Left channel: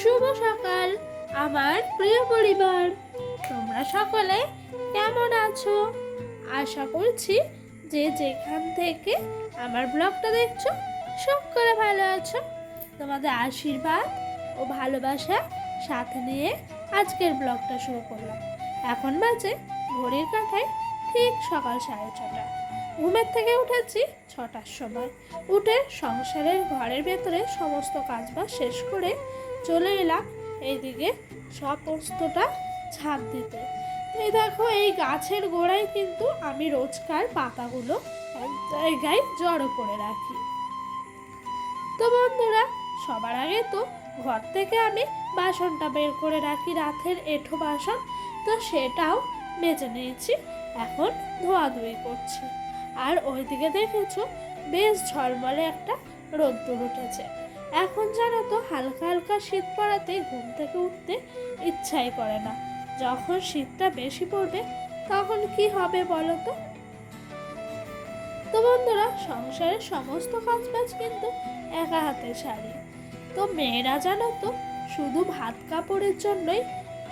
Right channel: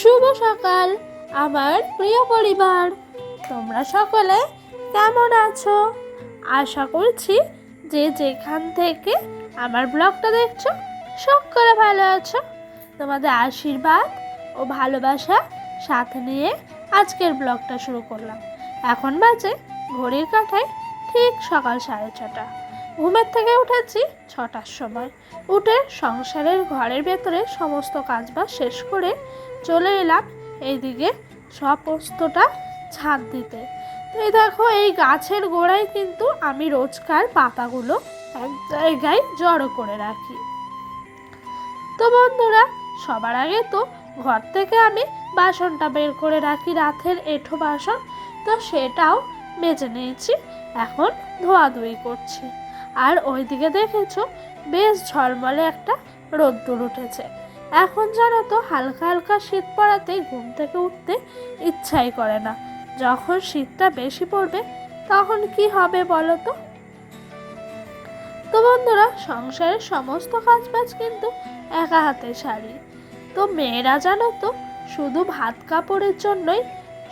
শুভ সকাল আমার প্রিয় পরিবার, তোমরা সকলে কেমন আছো? আশা করছি যে যেখান থেকে আমার ব্লগটা দেখছো সকলে ভালো আছো। তোমাদের আশীর্বাদ ও ভালোবাসা সাথে নিয়ে আজকের ব্লগটা শুরু করলাম। এখন বাজে ঘড়ির কাঁটায় ঠিক সকাল 6:30। ঘুমের থেকে উঠেছি 6টার সময়। উঠে সংসারের ঘরের ভেতরে সমস্ত কাজবাজ শেষ করে চলে এলাম এইদিকে সমস্তটা ছাদ দিতে। এই দেখো, এই গাছের গোড়ায় কিন্তু আমি রোজকার পাতাগুলো এক জায়গায় জড়ো করে রাখি। তো বন্ধুরা, সবার আগে তো ঘর থেকে আমি বাসনটা বের করে রাখি, রাতের এঁঠো বাসন। তো সেটাও মেজে নিয়েছি, এখন ধোয়াধুয়ি করছি। আর ওইদিকে দেখেছো বেশ ঝলমলে একটা রোদ্দুর উঠেছে। এখন জানো তো হালকা হালকা শীত পড়াতে ঘুম থেকে উঠতে ইচ্ছাই করে না। যখন শীতটা বেশি পড়বে তখন কি হবে বলো তো? তো বন্ধুরা, সংসারের সমস্ত কাজবাজ কিন্তু একা হাতে সারি। তো মেয়েরা জানো তো শুধু ভাত কাপড়ের জন্যই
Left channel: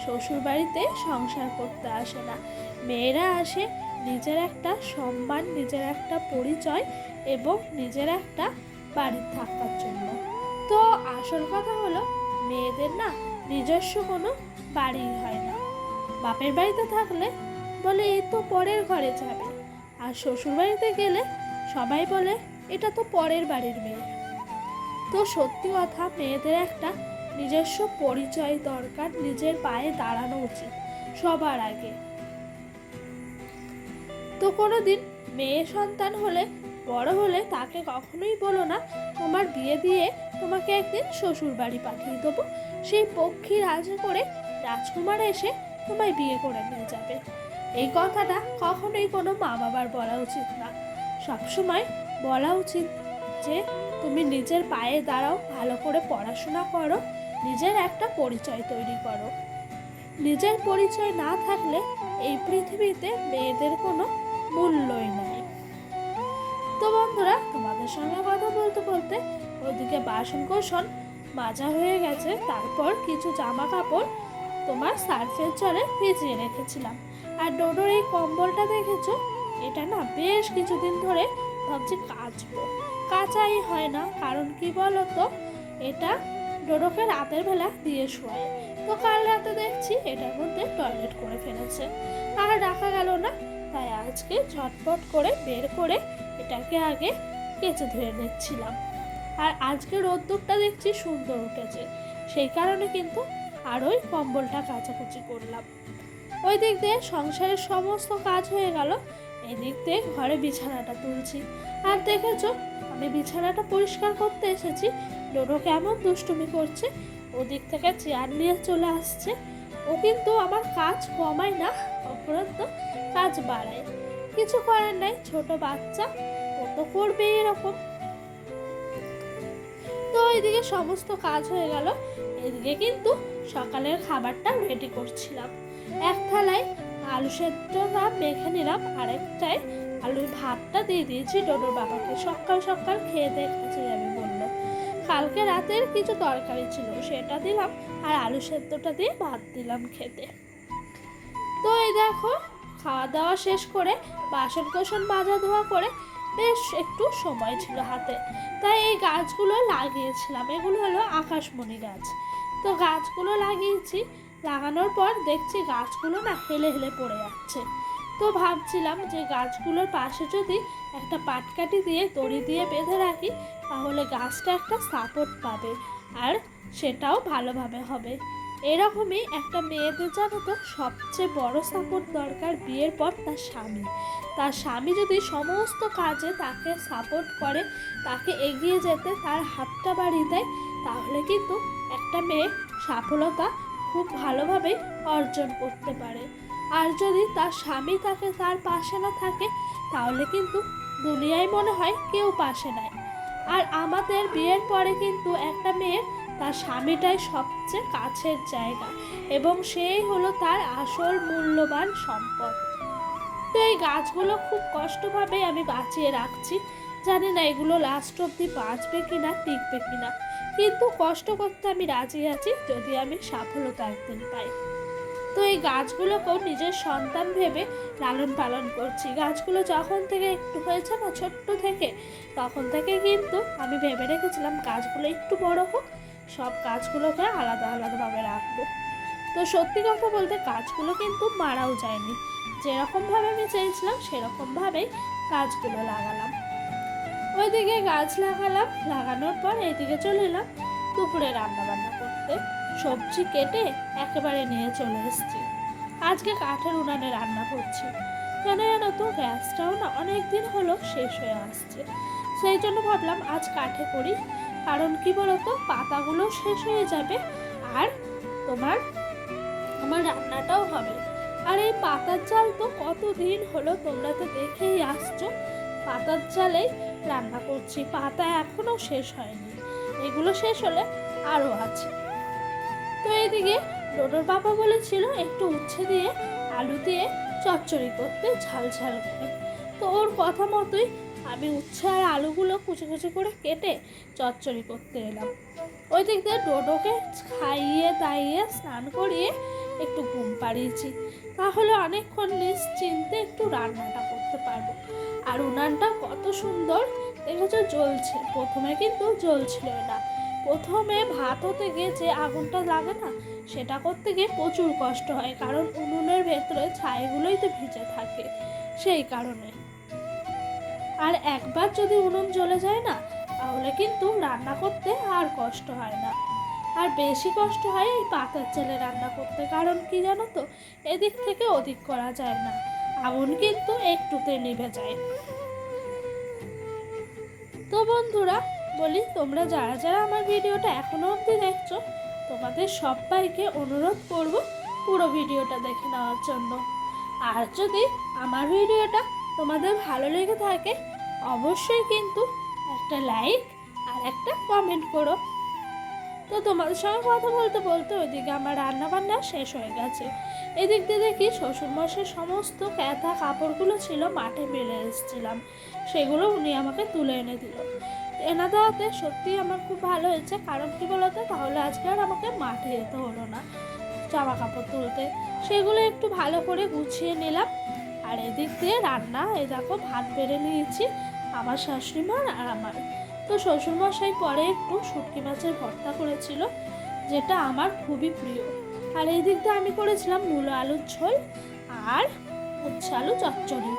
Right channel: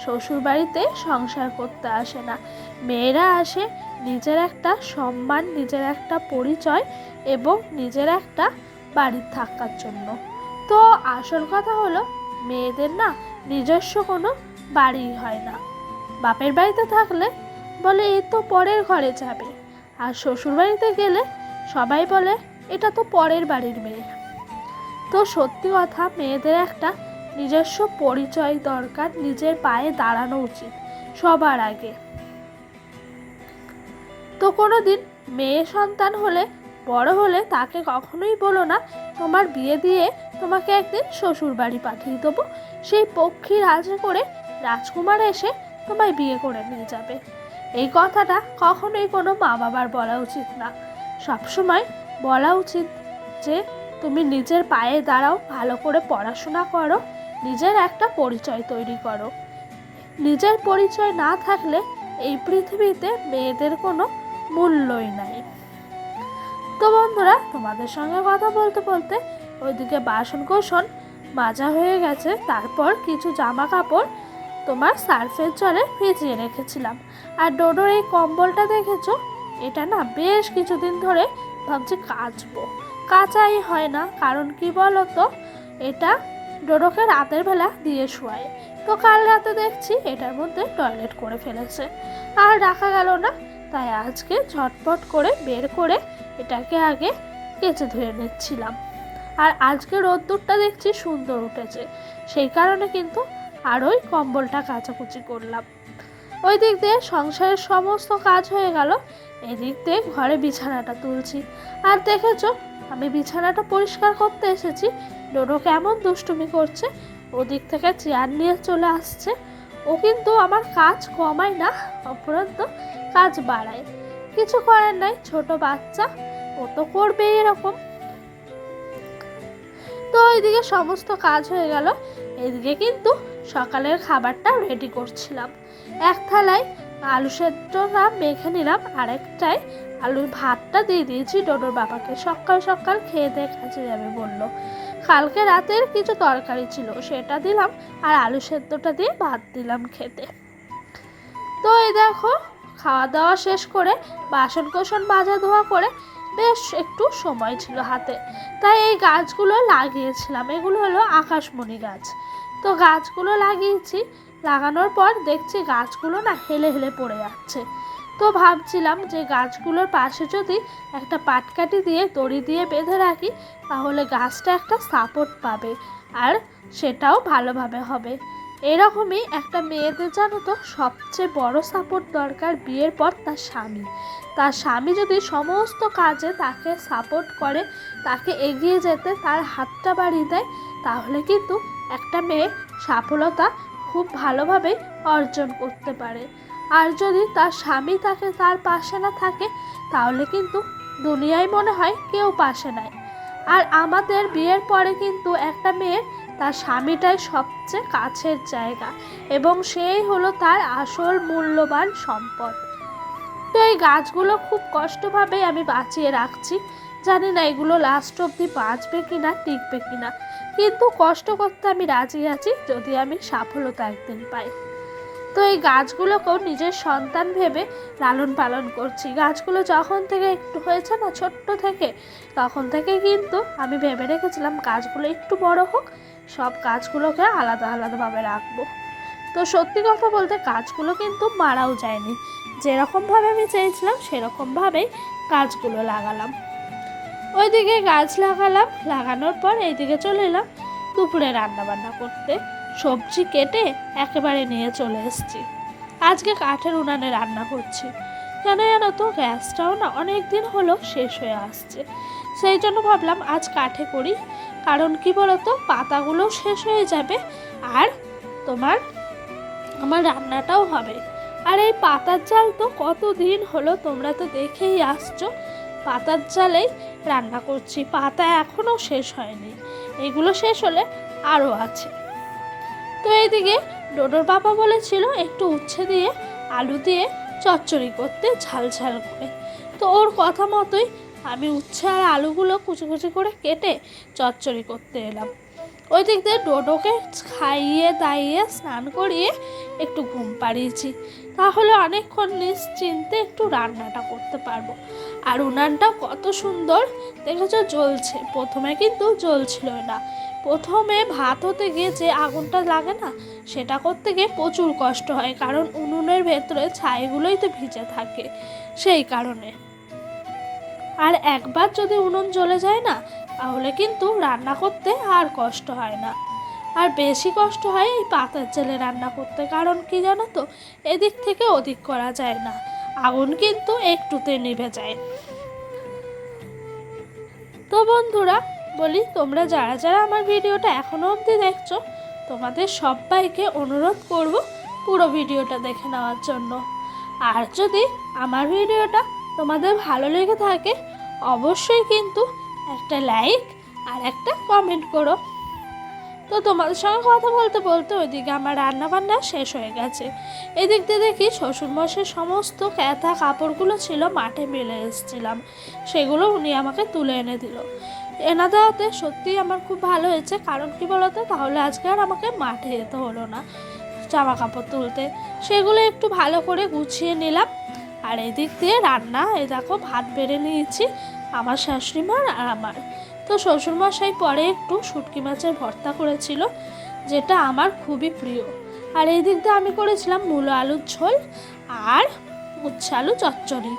শ্বশুরবাড়িতে সংসার করতে আসে না। মেয়েরা আসে নিজের একটা সম্মান, নিজের একটা পরিচয় এবং নিজের একটা বাড়ির থাকার জন্য। তো আসল কথা হলো, মেয়েদের না নিজস্ব কোনো বাড়ি হয় না। বাপের বাড়িতে থাকলে বলে এই তো পরের ঘরে যাবে, আর শ্বশুর বাড়িতে গেলে সবাই বলে এটা তো পরের বাড়ির মেয়ে। তো সত্যি কথা, মেয়েদের একটা নিজস্ব পরিচয় দরকার, নিজের পায়ে দাঁড়ানো উচিত সবার আগে। তো কোনোদিন মেয়ে সন্তান হলে, বড় হলে তাকে কখনোই বলো না তোমার বিয়ে দিয়ে তোমাকে একদিন শ্বশুর বাড়ি পাঠিয়ে দেবো, সেই পক্ষী রাজা করে রাজকুমার এসে তোমায় বিয়ে করে নিয়ে যাবে। এই কথাটা কখনোই কোনো মা বাবার বলা উচিত না। সবসময় বলা উচিত যে তুমি নিজের পায়ে দাঁড়াও, ভালো করে পড়াশোনা করো, নিজের একটা পরিচয় তৈরি করো। নিজের পরিচয় না থাকলে এই পৃথিবীতে মেয়েদের কোনো মূল্যই নাই। তো বন্ধুরা, তোমাদের সঙ্গে কথা বলতে বলতে ওইদিকে বাসন কোসন মাজা হয়ে গেছে। তারপর কিছু জামা কাপড় তোমার সার্ফের জলে ভিজিয়ে রেখেছিলাম। আর ডোডোর এই কম্বলটা দেখেছো, এটা না বেশ কিছুদিন ধরে ভাবছি কাচবো, কাচাই হয় না। কারণ কি বলো তো, এটা ডোডোকে রাতের বেলা দিয়ে শোয়ায়। তো কাল রাতে দেখছি এটার মধ্যে টয়লেট করে ফেলেছে, আর রাখা গেল না। তাই আজকে ঝটপট করে বের করে এটাকে আগে কেচে ধুয়ে নিচ্ছিলাম। আর আজকে রোদ্দুরটা দেখছি সুন্দর উঠেছে, সেই কারণে কিন্তু আরোই কম্বলটা কাচাকুচি করলাম। ওই দিক দিয়ে সংসারের সমস্ত কাজ হয়ে গেল, এদিক দিয়ে ঘরে বিছানাটা তুলছি। আর দেখেছো, আমি বিছানাটা পরিষ্কার করতে এসেছি, ডোডো কেমন দুষ্টুমি করছে, ওদিক থেকে চেয়ার নিয়ে চলে আসছে। ও কিন্তু আমার কাজ কমায় না, অপরন্ত কাজ বাড়ায়। কিছু করার নাই, ছোট বাচ্চা, ও তো করবে এরকম। তো ওইদিকে সমস্ত কাজ হয়ে গেল, এদিকে কিন্তু সকালের খাবারটা রেডি করছিলাম। এক থালায় আলু সেদ্ধটা মেখে নিলাম, আরেকটায় আলুর ভাতটা দিয়ে দিয়েছি ডোডোর বাবাকে। সকাল সকাল খেয়ে দিয়ে কাছে যাবে বললো। কালকে রাতের কিছু তরকারি ছিল, সেটা দিলাম, আর আলু সেদ্ধটা দিয়ে ভাত দিলাম খেতে। তো এই দেখো, খাওয়া দাওয়া শেষ করে বাসন কোসন মাজা ধোয়া করে বেশ একটু সময় ছিল হাতে, তাই এই গাছগুলো লাগিয়েছিলাম। এগুলো হলো আকাশমণি গাছ। তো গাছগুলো লাগিয়েছি, লাগানোর পর দেখছি গাছগুলো না হেলে হেলে পড়ে যাচ্ছে। তো ভাবছিলাম যে গাছগুলোর পাশে যদি একটা পাটকাঠি দিয়ে দড়ি দিয়ে বেঁধে রাখি, তাহলে গাছটা একটা সাপোর্ট পাবে, আর সেটাও ভালোভাবে হবে। এরকমই একটা মেয়েদের জানো তো সবচেয়ে বড় সাপোর্ট দরকার বিয়ের পর তার স্বামী। তার স্বামী যদি সমস্ত কাজে তাকে সাপোর্ট করে, তাকে এগিয়ে যেতে তার হাতটা বাড়িয়ে দেয়, তাহলে কিন্তু একটা মেয়ে সফলতা খুব ভালোভাবে অর্জন করতে পারে। আর যদি তার স্বামী তাকে তার পাশে না থাকে, তাহলে কিন্তু দুনিয়ায় মনে হয় কেউ পাশে নাই। আর আমাদের বিয়ের পরে কিন্তু একটা মেয়ের তার স্বামীটাই সবচেয়ে কাছের জায়গা, এবং সেই হলো তার আসল মূল্যবান সম্পদ। তো এই গাছগুলো খুব কষ্টভাবে আমি বাঁচিয়ে রাখছি, জানি না এগুলো লাস্ট অবধি বাঁচবে কিনা, টিকবে কিনা। কিন্তু কষ্ট করতে আমি রাজি আছি যদি আমি সফলতা একদিন পাই। তো এই গাছগুলোকেও নিজের সন্তান ভেবে লালন পালন করছি। গাছগুলো যখন থেকে একটু হয়েছে না ছোট্ট থেকে, তখন থেকে কিন্তু আমি ভেবে রেখেছিলাম গাছগুলো একটু বড় হোক, সব গাছগুলোকে আলাদা আলাদাভাবে রাখবো। তো সত্যি কথা বলতে গাছগুলো কিন্তু মারাও যায়নি, যেরকমভাবে আমি চেয়েছিলাম সেরকমভাবেই গাছগুলো লাগালাম। ওইদিকে গাছ লাগালাম, লাগানোর পর এইদিকে চলে এলাম দুপুরে রান্না বান্না করতে। সবজি কেটে একেবারে নিয়ে চলে এসেছি। আজকে কাঠের উনানে রান্না করছি। জানো তো গ্যাসটাও না অনেক দিন হলো শেষ হয়ে আসছে, সেই জন্য ভাবলাম আজ কাঠে করি। কারণ কি বলতো, পাতাগুলো শেষ হয়ে যাবে আর আমার রান্নাটাও হবে। আর এই পাতার জাল তো কতদিন হলো, তোমরা তো দেখেই আসছো, পাতার জালেই রান্না করছি। পাতা এখনও শেষ হয়নি, এগুলো শেষ হলে আরও আছে। তো এইদিকে ডোডোর বাবা বলেছিল একটু উচ্ছে দিয়ে আলু দিয়ে চচ্চড়ি করতে ঝাল ঝাল করে। তো ওর কথা মতোই আমি উচ্ছে আর আলুগুলো কুচি কুচি করে কেটে চচ্চড়ি করতে এলাম। ওই দিক দিয়ে ডোডোকে খাইয়ে দাইয়ে স্নান করিয়ে একটু ঘুম পাড়িয়েছি, তাহলে অনেকক্ষণ নিশ্চিন্তে একটু রান্নাটা করতে পারবো। আর উনানটা কত সুন্দর দেখেছো জ্বলছে, প্রথমে কিন্তু জ্বলছিল না। প্রথমে ভাত হতে গিয়ে যে আগুনটা লাগে না, সেটা করতে গিয়ে প্রচুর কষ্ট হয়, কারণ উনুনের ভেতরে ছাইগুলোই তো ভিজে থাকে, সেই কারণে। আর একবার যদি উনুন জ্বলে যায় না, তাহলে কিন্তু রান্না করতে আর কষ্ট হয় না। আর বেশি কষ্ট হয় এই পাতার জালে রান্না করতে, কারণ কি জানো তো, এদিক থেকে ওদিক করা যায় না, আগুন কিন্তু একটুতে নিভে যায়। তো বন্ধুরা বলি, তোমরা যারা যারা আমার ভিডিওটা এখনো অবধি দেখছো, তোমাদের সবাইকে অনুরোধ করব পুরো ভিডিওটা দেখে নেওয়ার জন্য। আর যদি আমার ভিডিওটা তোমাদের ভালো লেগে থাকে, অবশ্যই কিন্তু একটা লাইক আর একটা কমেন্ট করো। তো তোমাদের সঙ্গে কথা বলতে বলতে ওইদিকে আমার রান্নাবান্না শেষ হয়ে গেছে। এদিক দিয়ে দেখি শ্বশুরমশাই সমস্ত ক্যাথা কাপড়গুলো ছিল মাঠে মেলে এসেছিলাম, সেগুলো উনি আমাকে তুলে এনে দিল। এনে দেওয়াতে সত্যিই আমার খুব ভালো হয়েছে, কারণ কি বলতো, তাহলে আজকে আর আমাকে মাঠে যেতে হলো না জামা কাপড় তুলতে। সেগুলো একটু ভালো করে গুছিয়ে নিলাম। আর এদিক দিয়ে রান্না, এই দেখো ভাত বেড়ে নিয়েছি আমার শাশুড়ি মার আর আমার। তো শ্বশুরমশাই পরে একটু শুটকি মাছের ভর্তা করেছিল, যেটা আমার খুবই প্রিয়। আর এই দিক দিয়ে আমি করেছিলাম মূলো আলুর ঝোল আর উচ্ছে আলু চচ্চড়ি।